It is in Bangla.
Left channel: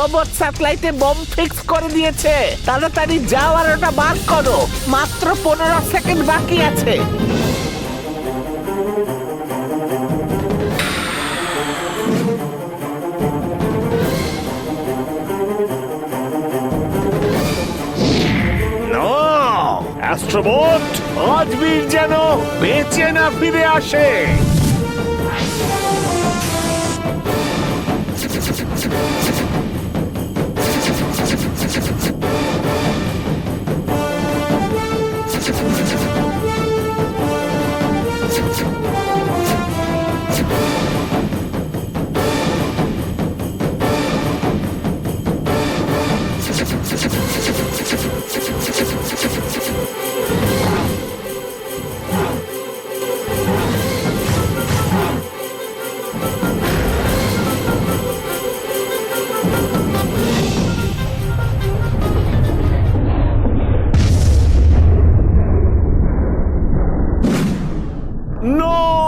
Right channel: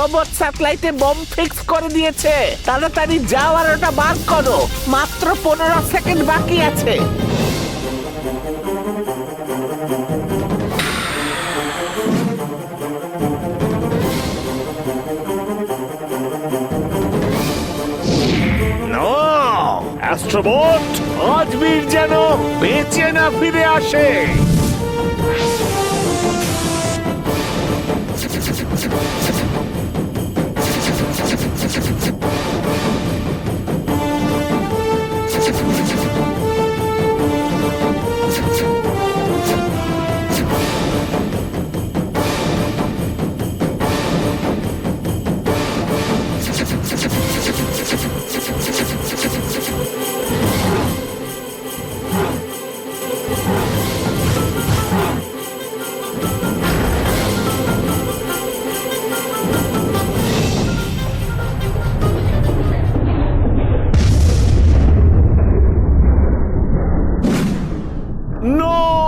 রোবট স্যাটেলাইটে বম ফিক্স করে দিয়েছে। তাড়াতাড়ি যাও আর ওটা বার করো, মাত্র 15 সেকেন্ড বাকি আছে। অ্যাস্ট্রোবট, আজ বীর যেন বেঁচে না ফিরে আসে। No!